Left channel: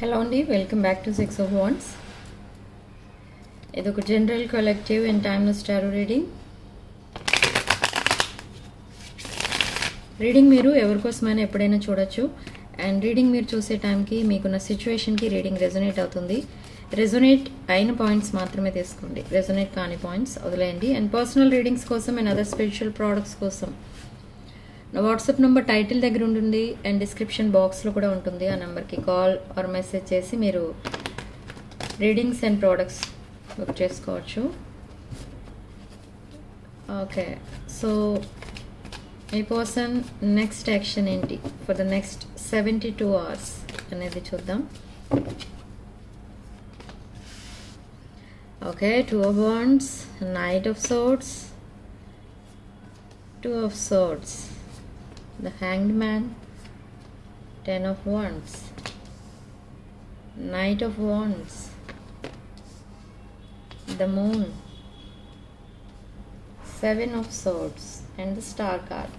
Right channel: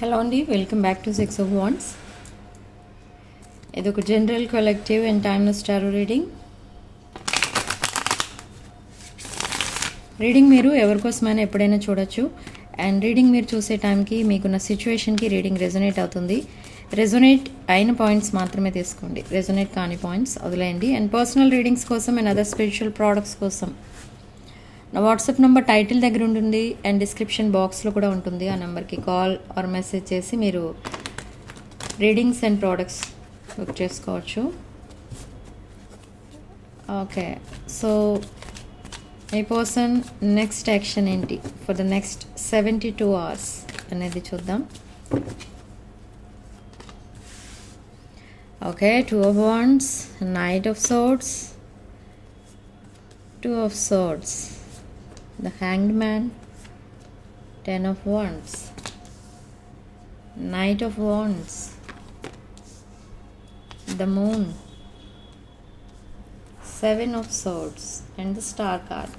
Hello అండి, welcome back to 6 of Wands. ఇది ఒక general collective and timeless tarot reading మీరు ఎవరికోసమైనా ఎప్పుడైనా చూడొచ్చు. అండ్ రీడింగ్ మీరు చూసే టైంకి మీకున్న సిచ్యువేషన్కి రీడింగ్ రెజొనేట్ అవుతుంది. రెజొనేట్ అయిన పాయింట్స్ మాత్రమే తీసుకోండి, రెజొనేట్ కాని పాయింట్స్ వదిలేయండి. అండ్ పర్సనల్ రీడింగ్స్ కోసం అండ్ అదర్ స్పిరిచువల్ ప్రోడక్ట్స్ కోసం నా వాట్సాప్ నెంబర్ టైటిల్ దగ్గర ఉంటుంది అండ్ డిస్క్రిప్షన్ బాక్స్లో కూడా ఉంటుంది. ఆ నెంబర్కి కాల్ ఆర్ మెసేజ్ చేసి మీరు రీడింగ్స్ అండ్ ప్రోడక్ట్స్ బుక్ చేసుకోవచ్చు. ఓకే, సో ఈ పర్సన్ నెక్స్ట్ యాక్షన్ ఏంటి ఫర్ ద నెక్స్ట్ 72 hours అనేది చూద్దాం. Okay, 2 of Wands, Knight of Swords, 2 of Swords, the Hanged Man, 10 of Wands, Knight of Wands, the Moon, 7 of Swords, and the Star card.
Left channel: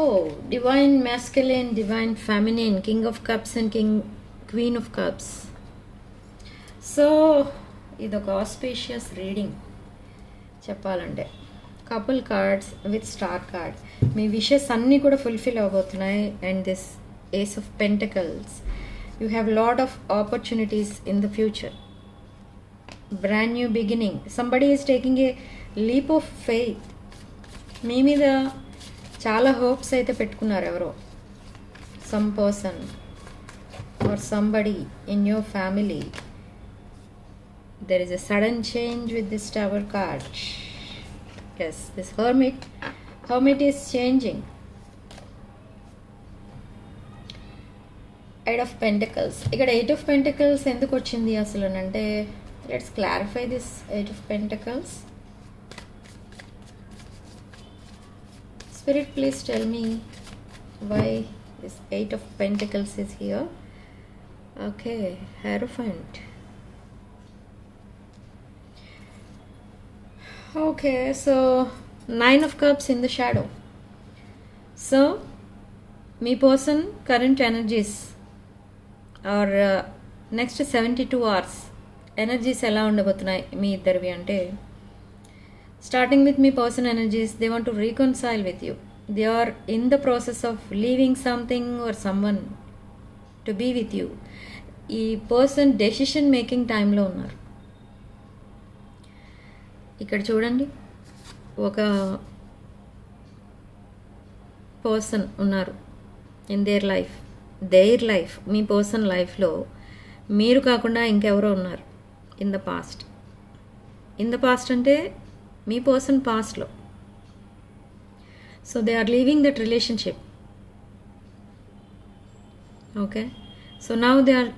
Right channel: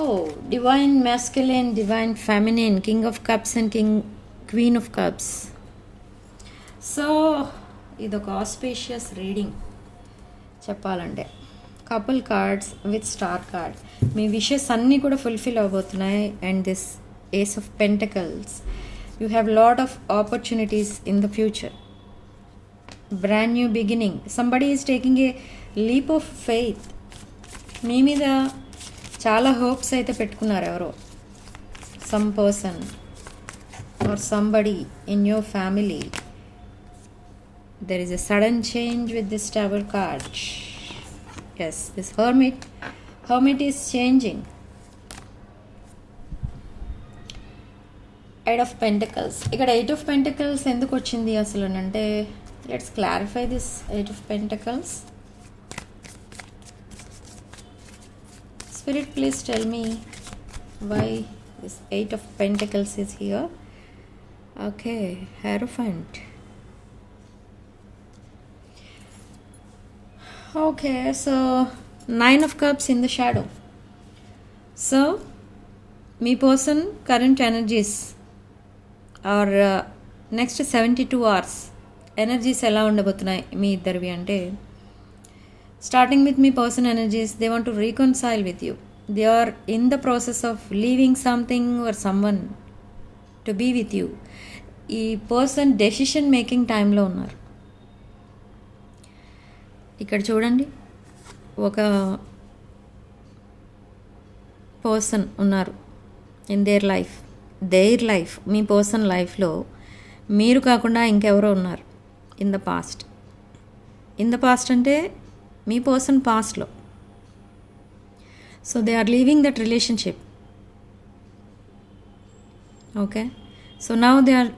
Oh, Divine Masculine, Divine Feminine, King of Cups and Queen of Cups. So ఇదొక auspicious reading చెప్పాలంటే. Couple cards with star card, మీ wishes అన్నీ కూడా fulfil అవబోతున్నాయి. And this ace of pentacles, you have lot of opportunities in the future. Brand new beginning, somebody is taking a leap of faith. మీ మీద చాలా hopes అయితే పెట్టుకున్నారు ఎవరో, some person or somebody in your family. There is a sudden change with this Tower card. Yes, this hermit is changing. 8 of Pentacles. ఇక్కడ 8 of Pentacles ఎందుకు వచ్చింది అసలు అంటే, let's clarify this 8 of Pentacles. Spirit, please tell me why this 8 of Pentacles is here. Okay, Hierophant. Okay, so 9 of Cups in the shadow. So మీ person current energies are next 72 hours energies ఎలా ఉండబోతున్నాయి మీ ఇద్దరివి అంటే, starting with మీ person energies, they want to reconcile with you. They are in the process of leaving something or someone to be with you. ఈ person decision making టైంలో ఉన్నారు. ఇక్కడ చూడండి, ఒక పర్సన్ ఉన్నారు ఇన్ దేర్ లైఫ్. మీ person లైఫ్లో మీరు కాకుండా ఇంకెవరో ఉన్నారు ఇన్ ద పాస్ట్ అంటే మీ పర్సన్ పాస్ట్లో. So they are leaving that relationship. Okay, so now they are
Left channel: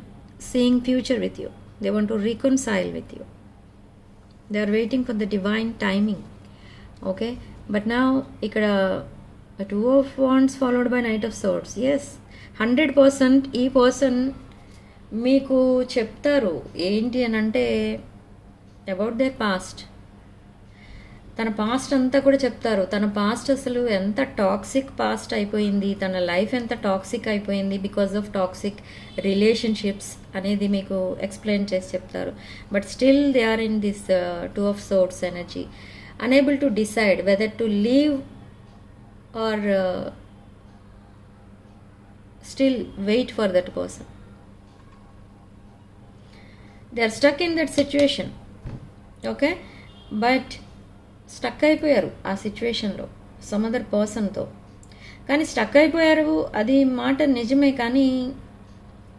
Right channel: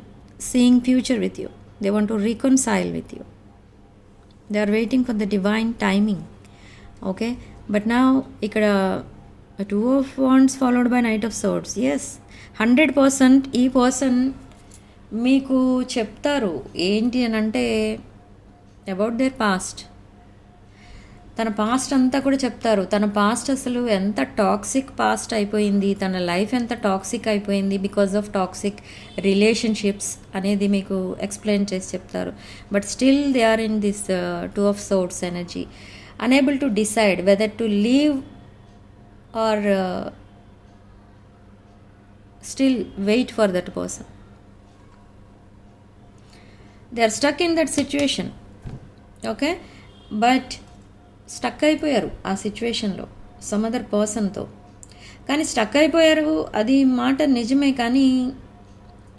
seeing future with you. They want to reconcile with you. They are waiting for the divine timing. Okay, but now ikkada 2 of Wands followed by Knight of Swords. Yes, 100% ఈ person మీకు చెప్తారు ఏంటి అని అంటే, about their past. తన past అంతా కూడా చెప్తారు. తన పాస్ట్ అసలు ఎంత టాక్సిక్ పాస్ట్ అయిపోయింది, తన లైఫ్ ఎంత టాక్సిక్ అయిపోయింది బికాస్ ఆఫ్ టాక్సిక్ రిలేషన్షిప్స్ అనేది మీకు ఎక్స్ప్లెయిన్ చేసి చెప్తారు. But still they are in this 2 of Swords energy, unable to decide whether to leave or still wait for that person. They are stuck in that situation. Okay, but stuck అయిపోయారు ఆ సిచ్యువేషన్లో some other పర్సన్తో. కానీ stuck అయిపోయారు, అది మాట నిజమే, కానీ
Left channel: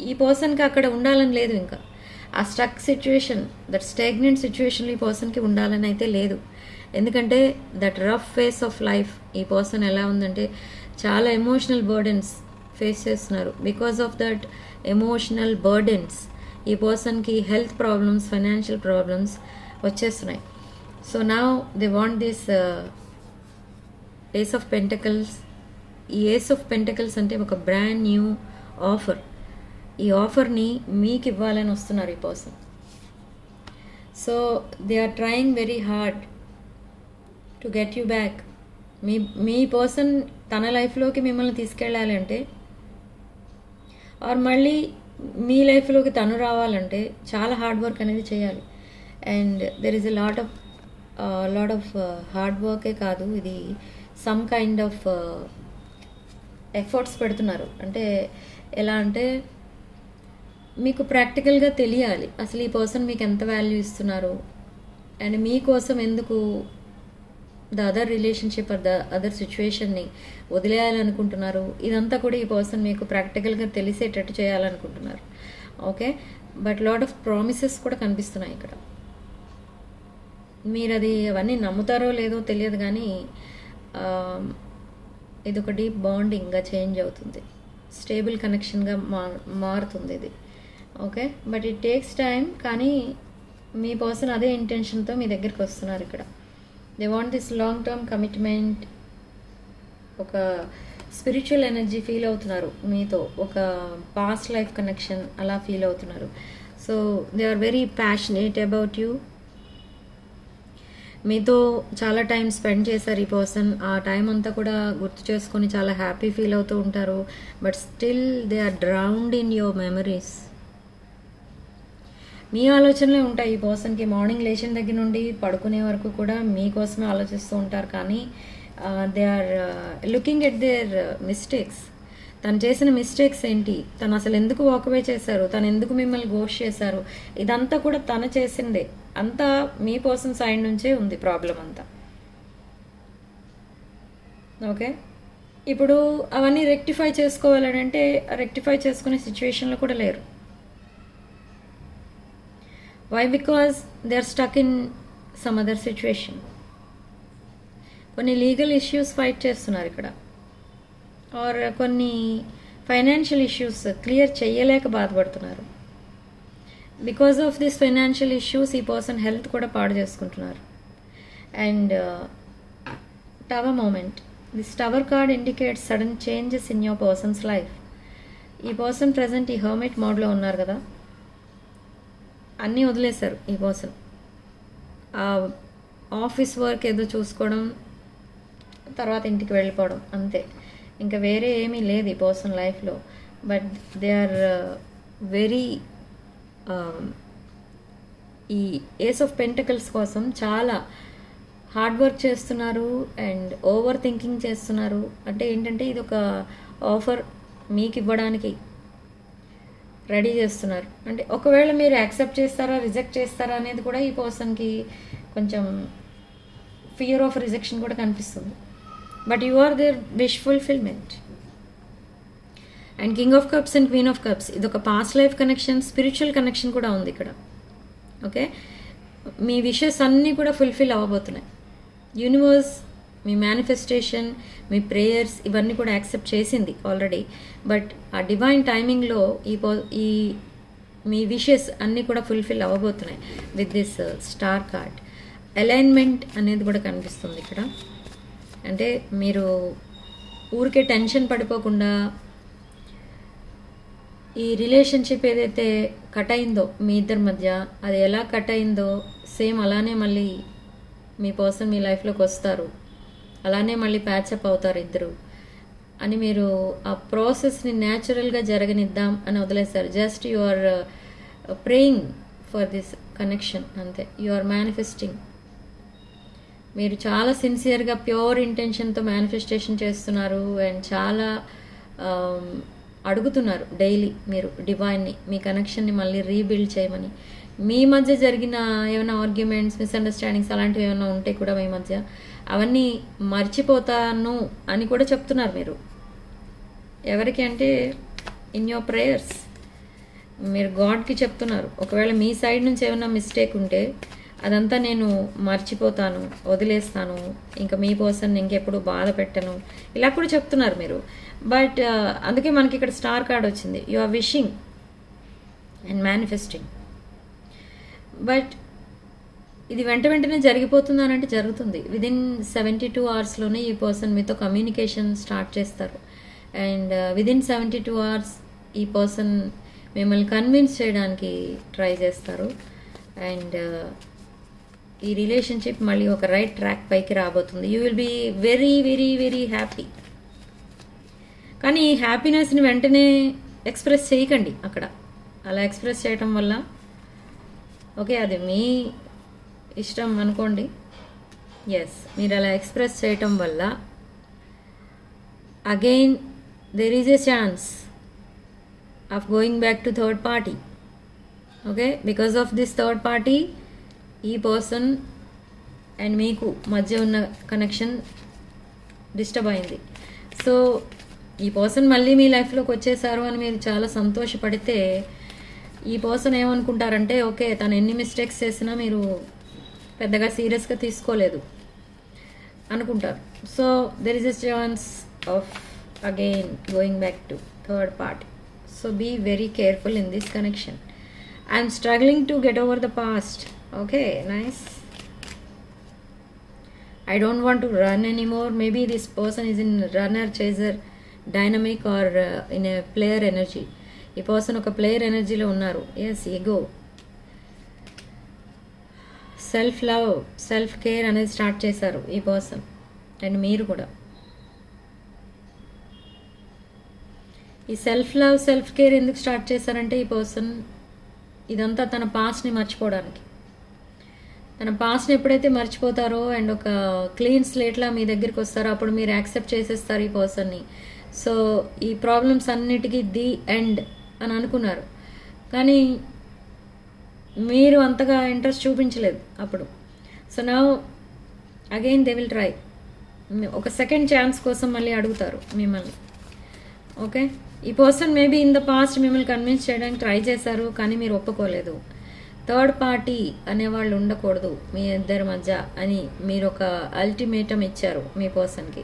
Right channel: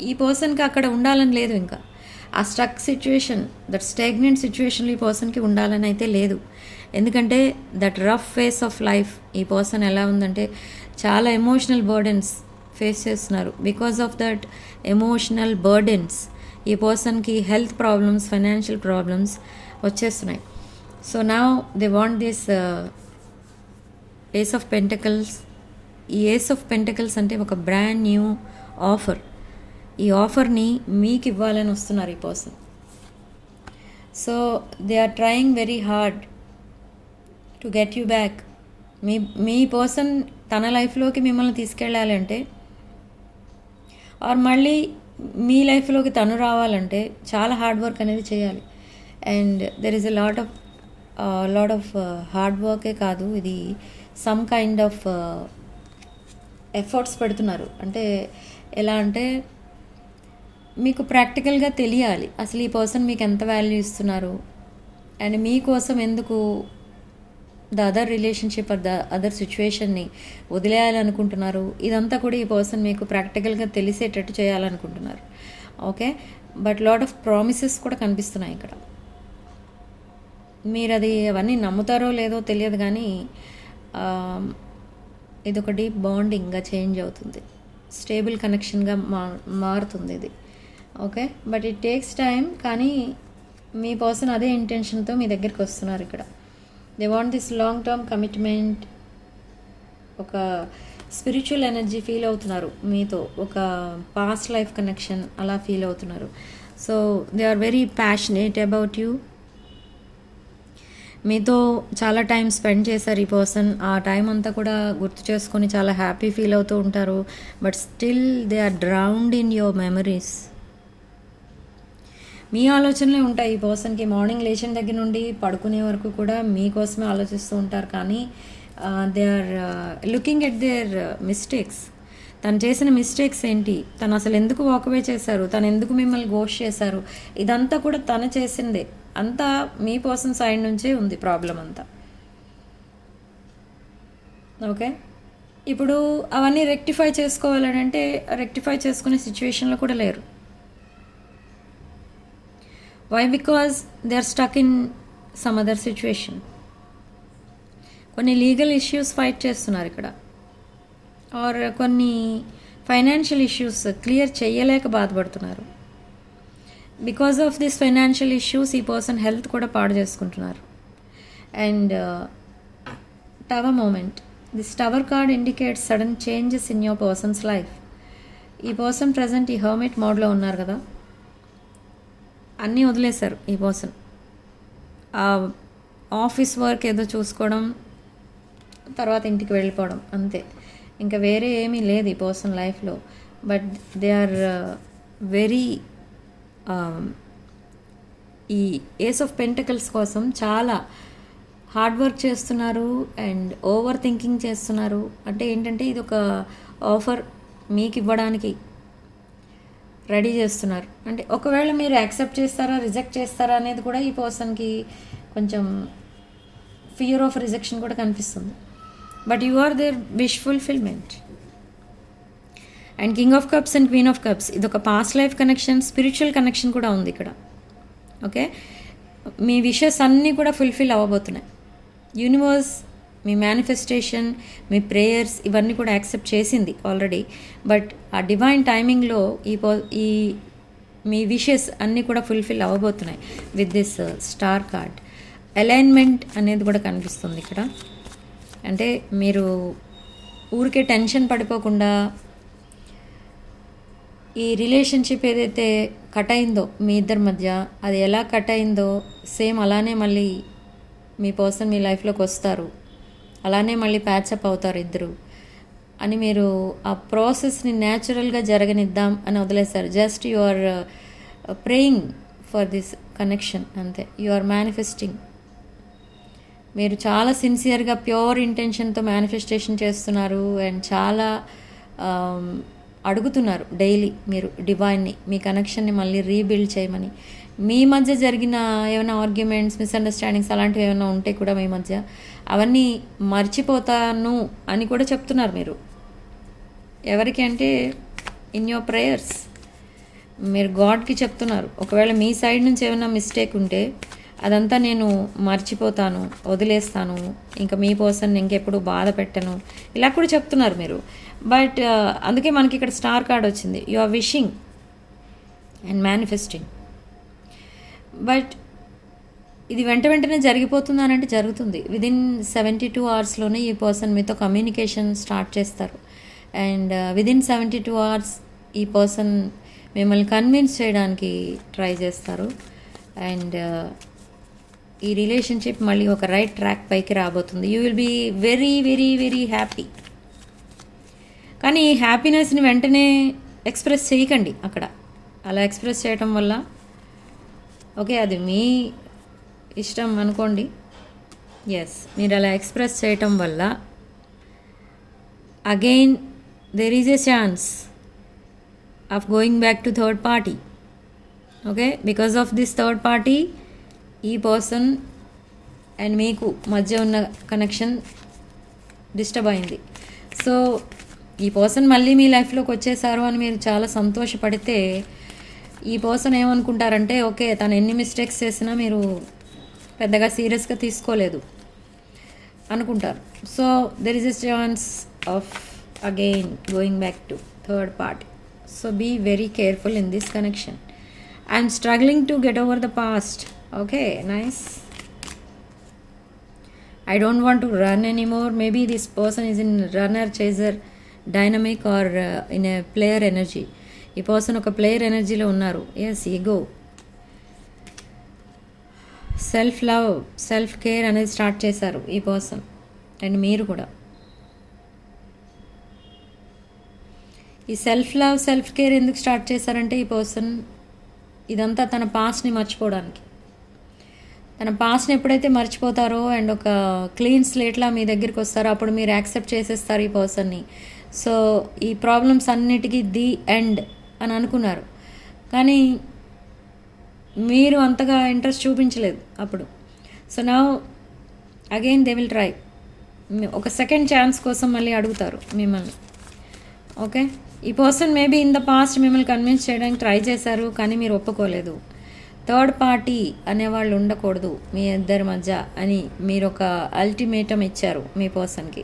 ఈ పర్సన్కి అక్కడ ఉండాలని లేదు. ఇంకా ఆ స్టక్ సిచ్యువేషన్, దట్ స్టాగ్నెంట్ సిచ్యువేషన్లో ఈ పర్సన్కి ఉండాలని అయితే లేదు. ఎందుకంటే that rough phase of life ఈ పర్సన్ ఎలా ఉందంటే, చాలా ఎమోషనల్ బర్డెన్స్ ఫేస్ చేస్తున్నారు. Because of that emotional burdens ఈ పర్సన్కి హెల్త్ ప్రాబ్లమ్స్, ఫైనాన్షియల్ ప్రాబ్లమ్స్ వచ్చేస్తున్నాయి. So now they want this ace of pentacles. ఈ ఏస్ ఆఫ్ పెంటకల్స్ అంటే ఒక బ్రాండ్ న్యూ ఆఫర్. ఈ ఆఫర్ని మీకు ఇవ్వాలని వస్తున్నారు ఈ person. So they are trying very hard to get you back. మీ పర్సన్ తన లైఫ్లోకి మిమ్మల్ని తీసుకెళ్ళాలంటే ఆర్ మళ్ళీ మీ లైఫ్లోకి తను రావాలంటే చాలా హార్డ్ వర్క్ అనేది చేయాలి. And there is a lot of hard వర్కే కాదు, ఇది సమ్ కైండ్ ఆఫ్ ఎఫర్ట్స్ పెడుతున్నారు. అంటే ఎలా అంటే మీకు ప్రాక్టికల్గా తెలియాలి అసలు ఈ పర్సన్ మీకు ఎంత వాల్యూ ఇస్తున్నారు అండ్ మీకోసం ఎందుకు the other relationship or the other సిచ్యువేషన్ని వదిలేయాలనుకుంటున్నారు. ఇదంతా కూడా ఈ పర్సన్ మీకు ప్రాక్టికల్గా తెలిసేటట్టు చేయాలనుకుంటున్నారు. Okay, but lot of promises కూడా కనిపిస్తున్నాయి ఇక్కడ. మీరు అది అవన్నీ నమ్ముతారో లేదో తెలియదు, కానీ ఇది ఒక డీప్ బాండింగ్గా చేంజ్ అవుతుంది, స్టేబుల్ కనెక్షన్గా మారుతుంది ఇది. Okay, but it takes time. కానీ మీ పర్సన్ అదే ఇంటెన్షన్తో మీ దగ్గరికి వస్తున్నారు ఇక్కడ. They want this long term commitment. ఒక స్పిరిచువల్ ఎనర్జీ ఫీల్ అవుతున్నారు మీతో, ఒక పాస్ట్ లైఫ్ కనెక్షన్ అలా ఫీల్ అవుతున్నారు. So they are very passionate about you. మీతో చాలా టైం స్పెండ్ చేశారు ఈ పర్సన్. ఆ టైం అంతా కూడా గుర్తు చేసుకొని చాలా హ్యాపీ ఫీల్ అవుతూ ఉంటారు. But still they are drowned in your memories. మీ ఆలోచనలే ఉంటాయి ఈ పర్సన్కి. మార్నింగ్ లేచిన దగ్గర నుండి పడుకునే వరకు కూడా మీకోసమే ఆలోచిస్తూ ఉంటారు. కానీ they are looking at their mistakes. తను చేసిన మిస్టేక్స్ ఏంటి, తను అసలు ఎందుకు వాకవే చేశారు, తను ఎందుకు మిమ్మల్ని గోష్ చేశారు, ఇదంతా కూడా తను చేసిందే. అంతా మీ పర్సన్ సైడ్ నుంచే ఉంది ప్రాబ్లం అంతా. ఓకే, ఇప్పుడు అవన్నీ రెక్టిఫై చేసుకోవాలంటే రెక్టిఫై చేసుకునే సిచ్యువేషన్లో కూడా లేరు. Why? Because they are stuck in some other situation. కొన్ని లీగల్ ఇష్యూస్ ఫైట్ చేస్తున్నారు ఇక్కడ, ఆర్ కొన్ని ఫైనాన్షియల్ ఇష్యూస్ క్లియర్ చేయలేక బాధపడుతున్నారు. Because of this financial issues ఈ పర్సన్ హెల్త్ కూడా పాడు చేసుకుంటున్నారు. And tower moment, this tower card indicates sudden changes in your person's life. ఈ పర్సన్ ప్రజెంట్ ఈ హర్మిట్ మోడ్లో ఉన్నారు కదా, అన్నీ వదిలేశారు ఈ పర్సన్. ఆఫీస్ వర్క్ ఏదో చూసుకోవడం, తర్వాత ఇంటికి వెళ్ళిపోవడం, అంతే. ఇంకా వేరే ఏమీ లేదు ఈ పర్సన్ లైఫ్లో. బట్ దే ఆర్ వెరీ ఈ ఏస్ ఆఫ్ పెంటకల్స్ కోసం చాలా హార్డ్ వర్క్ చేస్తున్నారు అండ్ ఓవర్ థింకింగ్ చేస్తున్నారు. అంటే ఏంటంటే ఇది ఒక ఆఫర్ మీకు ఇవ్వడానికి రెడీ చేస్తున్నారు. అంటే ఒకవేళ మీరు యాక్సెప్ట్ చేస్తారా రిజెక్ట్ చేస్తారా అనేది కూడా ఈ పర్సన్కి కొంచెం ఫియర్ ఆఫ్ రిజెక్షన్ కూడా కనిపిస్తుంది. But you are there wish fulfilment. And king of cups and queen of cups, ఇది ఒక past life connection, spiritual connection కూడా ఉంది ఇక్కడ. ఓకే, మీ విషెస్ అన్నీ కూడా ఫుల్ఫిల్ అవ్వబోతున్నాయి. యూనివర్స్ మీ మేనిఫెస్టేషన్, మీ ప్రేయర్స్ ఇవన్నీ కూడా యాక్సెప్ట్ చేసింది ఆల్రెడీ. బట్ ఆ డివైన్ టైమింగ్లో ఈ మీ విషెస్ అన్నీ కూడా ఫుల్ఫిల్ అవ్వబోతున్నాయి with this star card. Alignment అనేది కూడా కనిపిస్తుంది ఇక్కడ. అంటే మీరు ఊరికే టెన్షన్ పడిపోకుండా ఈ రిలేషన్షిప్ ఏదైతే కట్ అయిందో మీ ఇద్దరి మధ్య, అది ఎలా కట్ అయిందో సేమ్ అలానే మళ్ళీ మీ పర్సన్ మీ లైఫ్లోకి వస్తారు, అలానే మళ్ళీ ప్యాచప్ అవుతారు ఇద్దరు అని మీరు ఆ ప్రాసెస్ని న్యాచురల్గా జరగనిద్దాం అని వదిలేశారు. Just you are praying for this connection, అంతే. You are manifesting. మీరు చాలా సిన్సియర్గా ప్యూర్ ఇంటెన్షన్తో మేనిఫెస్టేషన్ చేస్తున్నారు అండ్ చాలా అడుగుతున్నారు డైలీ మీరు డివైన్ని, మీ కనెక్షన్ని మళ్ళీ రీబిల్డ్ చేయమని. మీ మధ్య జరిగిన ఏమైనా ఆర్గ్యుమెంట్స్, మిస్అండర్స్టాండింగ్స్ అలాంటివి ఏమైనా ఉంటే కూడా మీ మధ్య అవన్నీ మర్చిపోతాను అని కూడా చెప్తున్నారు మీరు. ఎవరికి అంటే ఇన్ యువర్ ప్రేయర్స్ మీరు గాడ్కి చెప్తున్నారు. ఒకవేళ మీ సైడ్ నుంచి ఏమైనా మిస్టేక్ ఉంటే అదంతా నేను మర్చిపోతాను, వదిలేస్తాను, ఇంకా మీ పర్సన్ ఇంకెప్పుడు బాధ పెట్టను, ఇలా కూడా చెప్తున్నారు మీరు. బట్ అందుకే మనకి ఇక్కడ స్టార్ కార్డ్ వచ్చింది. You are wishing and manifesting. But ఇది వెంటనే జరిగిపోతుంది అని అంటే జరుగుతుంది. విదిన్ 72 అవర్స్లోనే ఈ పర్సన్ మీతో కమ్యూనికేషన్ స్టార్ట్ చేస్తారు. అండ్ విదిన్ 72 అవర్స్ ఈ పర్సన్ మిమ్మల్ని కన్విన్స్ చేయడానికి ట్రై చేస్తారు. అండ్ ఈ రిలేషన్షిప్ మళ్ళీ ఒక రైట్ ట్రాక్ పైకి రాబోతుంది. You will be very very very happy. కానీ ఈ హ్యాపీనెస్ని వెంటనే ఎక్స్ప్రెస్ చేయకండి అక్కడ. అలా ఎక్స్ప్రెస్ చేయటం వల్ల ఓకే అది మీ ఇష్టం అనుకోండి. ఎస్, మీరు అలా ఎక్స్ప్రెస్ చేయటం వల్ల again there is a chance of going back to third party. Okay, because of this third party ఈ పర్సన్ అండ్ మీకు మధ్య ఉన్న కనెక్షన్ డిస్టర్బ్ అయింది. సో ఈ పర్సన్ మళ్ళీ మీ లైఫ్లోకి వచ్చేసారు అని మీరు చాలా సంతోషపడితే ఈ పర్సన్ ఏమనుకుంటారంటే ఓకే తను ఎన్ని మిస్టేక్స్ చేసినా మీరు పెద్దగా సీరియస్గా తీసుకోలేదు అనుకుంటారు. So there is a chance of again going back to third party. So be very careful in this connection. I'm struggling to get over the past. Okay, nice. I don't want to run anymore. Maybe this person is in runner, chaser, dynamic or in a player energy. ఈ person ఒక player ఎనర్జీలో ఉన్నారు. Yes, ego, self love, self care అనేది start చేశారు ఈ person and మీరు కూడా. ఈ సెల్ఫ్ లవ్, సెల్ఫ్ కేర్ ఎందుకు స్టార్ట్ చేశారంటే ఈ పర్సన్ ఇదంతా తన పాస్ట్ని మర్చిపోవడానికి. తన పాస్ట్ని ఎప్పుడైతే మర్చిపోతారో అండ్ ఒక క్లీన్ స్లేట్లా మీ దగ్గరికి వస్తారో అప్పుడు మీరు యాక్సెప్ట్ చేసేస్తారు ఈ పర్సన్ని. సో ఈ ప్రాబ్లమ్స్ అన్నిటికీ ది ఎండ్ అని అనుకున్నారు, కానీ మీరు అంతగా ఇంట్రెస్ట్ చూపించలేదు అప్పుడు. So now again they will try. ఒక సెకండ్ ఛాన్స్ కోసం మళ్ళీ అడుగుతారు మిమ్మల్ని. ఓకే, ఈ person maybe in the past మిమ్మల్ని కన్విన్స్ చేయడానికి ట్రై చేశారు, కానీ మీరు ఒప్పుకోలేదు. థర్డ్ పార్టీ అనేవాళ్ళు ఉండకూడదు మీ ఇద్దరి మధ్య అని మీరు ఒక అల్టిమేటం ఇచ్చారు మీ పర్సన్కి.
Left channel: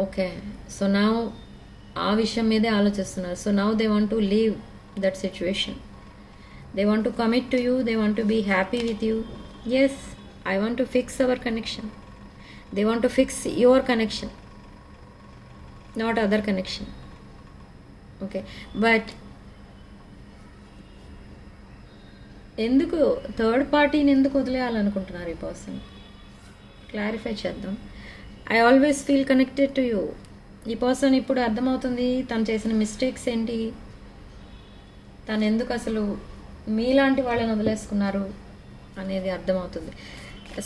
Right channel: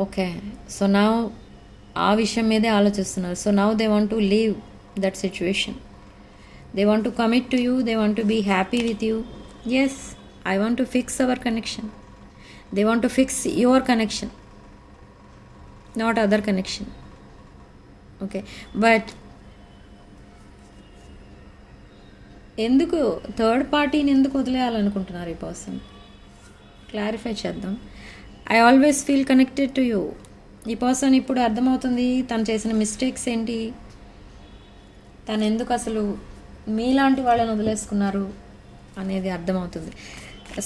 ఓకే, సో నా ఆ విషయం మీదే ఆలోచిస్తున్నారు. So now they want to leave that situation. They want to commit to you. They want to be happy with you. Yes, I want to fix our connection. They want to fix your connection, not other connection. Okay, but ఎందుకు third పార్టీని ఎందుకు వదిలేయాలనుకుంటున్నారు ఈ person? Clarify చేద్దాం. I always feel connected to you. ఈ person ఇప్పుడు అర్థమవుతుంది తను చేసిన మిస్టేక్స్ ఏంటి, తను ఎందుకు అసలు మీలాంటి వాళ్ళని వదిలేసుకున్నారు అనేది అర్థమవుతుంది.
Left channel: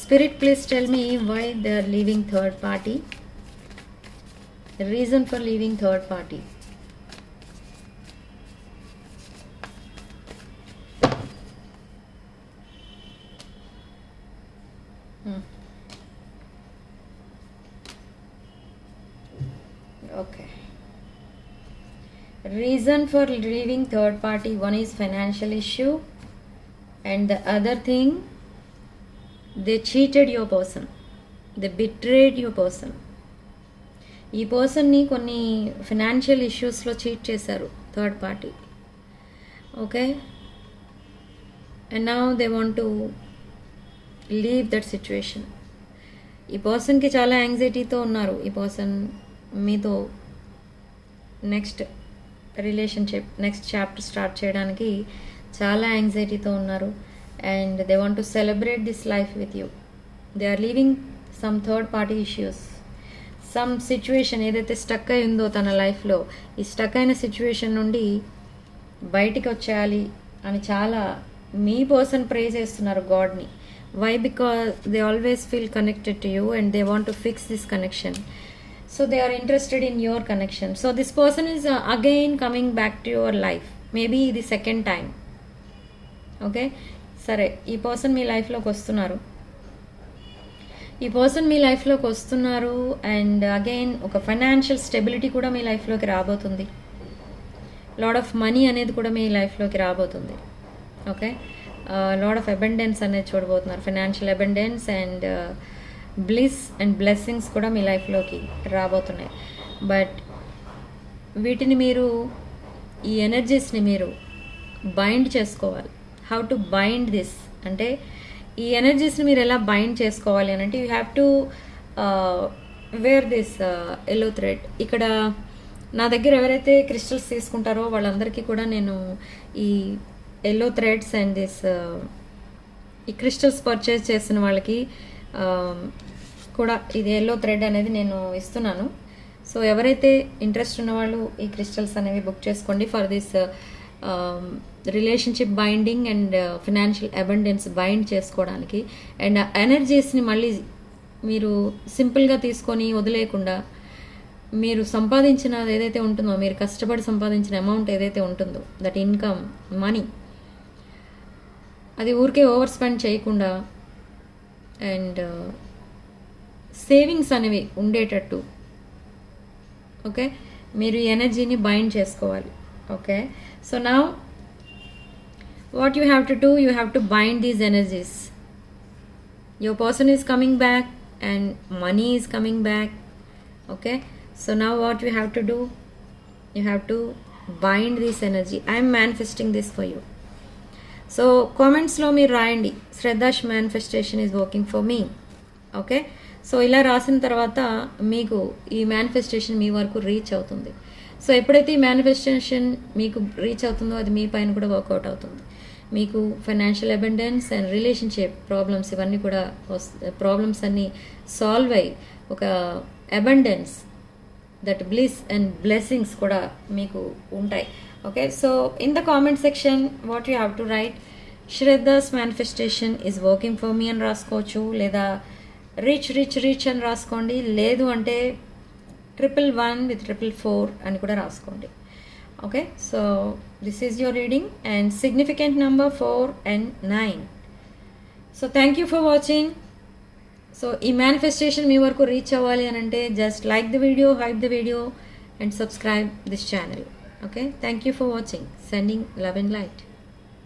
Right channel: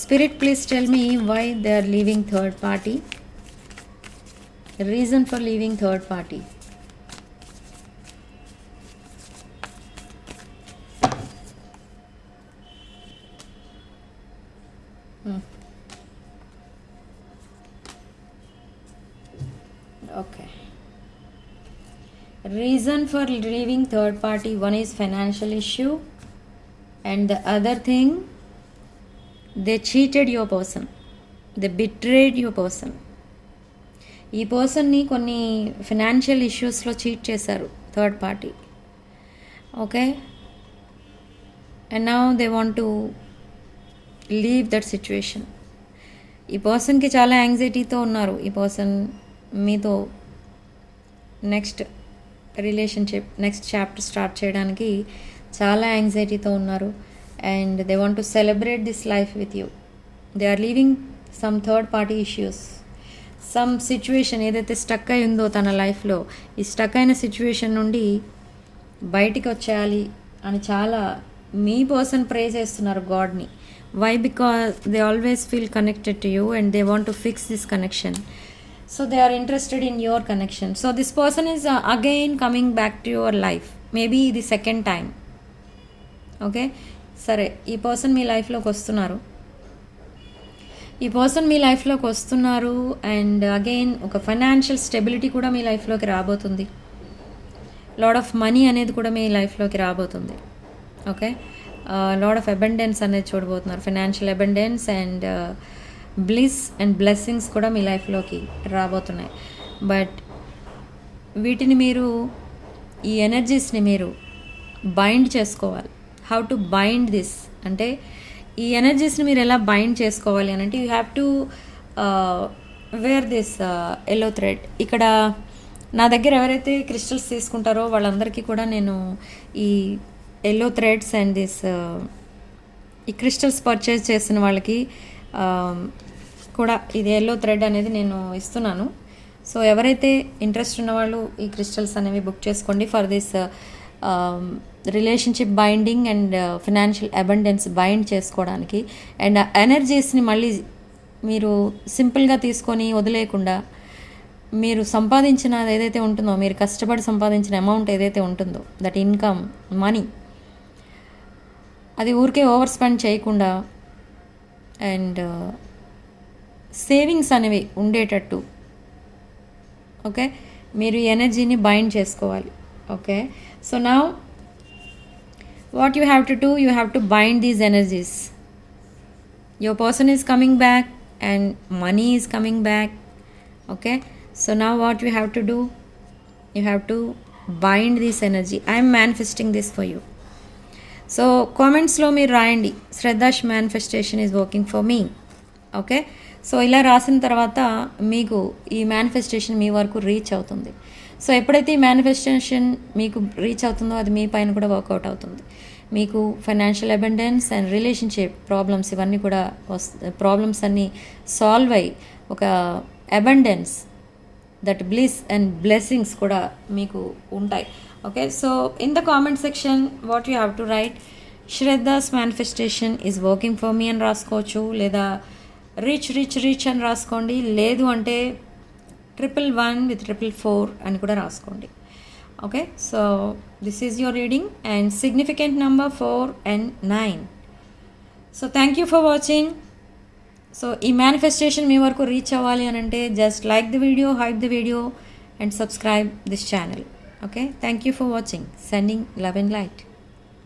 Spirit, please tell me why they are leaving third party, reason for leaving third party. Okay. Reason for leaving third party, one is financial issue and the other thing they cheated your person, they betrayed your person. ఈ పర్సన్ని కొన్ని financial ఇష్యూస్లో cheat చేశారు third party. Okay, and now they want to leave that situation. ఈ పర్సన్కి చాలా యాంగ్జైటీతో ఉన్నారు. ఈ పర్సన్ మీతో next relationship, next chapter start చేయడానికి చాలా యాంగ్జైటీతో ఉన్నారు and they want to celebrate this life with you. They are leaving some third party issues, some situation ఏదైతే స్టక్ అయి ఉందో తన లైఫ్లో, ఈ స్టక్ అయిన సిచ్యువేషన్ నుండి బయటికి వచ్చేయాలి అని చాలా మీ పర్సన్ ప్రే చేస్తున్నారు గాడ్ని. Why? Because they always feel connected to you and they want to fix this connection. So they are interested in your connection. So this person is again coming back to your life, maybe the second time. Okay, సరే, ఈ person మీ లైఫ్లోకి వస్తున్నారు. ఈ person మీ లైఫ్లోకి వస్తున్నారు and again ఒక financial stability కూడా మీ లైఫ్లోకి రాబోతుంది. లాడ్ ఆఫ్ మనీ అనేది కూడా మీ లైఫ్లోకి రాబోతుంది. ఓకే, లాడ్ ఆఫ్ అబండెన్స్ అనేది చూడబోతున్నారు. Financial abundance and bliss and blessings కూడా మీ లైఫ్లోకి రాబోతున్నాయి. బట్ వీటిని మీరు, ఈ ఎనర్జీస్ని మీరు బైండ్ చేసుకోవాలి. హౌ టు బైండ్ దిస్ అంటే ఈ ఎనర్జీస్ని మీరు ఎలా బైండ్ చేసుకోవాలి అని అంటే you have to wear this yellow thread. ఇక్కడ నా దగ్గర ఎవరైతే క్రిస్టల్స్ తీసుకుంటారో వాళ్ళందరికీ కూడా నేను ఈ ఎల్లో థ్రెడ్స్ అండ్ దిస్ ఈ క్రిస్టల్స్ పర్చేజ్ చేసిన వాళ్ళకి కూడా ఇది ఎల్లో థ్రెడ్ అనేది నేను ఇస్తున్నాను. సో ఎవరైతే ఇంట్రెస్ట్ ఉన్నవాళ్ళు ఈ క్రిస్టల్స్ అనేవి బుక్ చేసుకోండి for this relationship binding and financial abundance bind చేసుకోవడానికి అండ్ ఎనర్జీస్ని మళ్ళీ మీరు సింపుల్గా తీసుకొని వదిలేయకుండా మీరు సంపాదించిన ఏదైతే ఉంటుందో, మీరు కష్టపడి సంపాదించిన అమౌంట్ ఏదైతే ఉంటుందో, దట్ ఇన్కమ్ మనీ, అది ఊరికే ఓవర్ స్పెండ్ చేయకుండా అండ్ సేవింగ్స్ అనేవి ఉండేటట్టు ఓకే మీరు ఈ ఎనర్జీని బైండ్ చేసుకోవాలి. Okay so now what you have to do, you have to bind these energies. Your person is coming back and money is coming back. Okay, so now what you have to do, you have to bind this energy. I am manifesting this for you. So comments lo meer raayandi, Shraddha's manifestation is working for me. Okay, so ila rasin tarvata meeku ee manifestation మీ వరకు reach అవుతుంది. So ఎప్పుడైతే ఈ manifestation మీకు reach అవుతుందో అది మీ పైన కూడా work out అవుతుంది. మీకు financial abundance and relationship problems ఇవన్నీ కూడా ప్రాబ్లమ్స్ అన్నీ సాల్వ్ అయ్యి ఒక abundance, that bliss and blessings కూడా మీకు ఉంటాయి. Okay, so in the comment section what you have to write Shraddha's manifestation is working for me అని రాసుకోవచ్చు, లేదా రిచ్ రిచ్ రిచ్ అని రాసుకోండి, లేదు అంటే 111 with 444 అని కూడా రాసుకోండి. Okay, so this is your reading and significant number 4 and 9. So thank you for watching. So ఈ manifestation మీ వరకు రీచ్ అవ్వాలి అని అంటే just like the video, hype the video and subscribe this channel. Okay, thank you for watching. Sending love and light.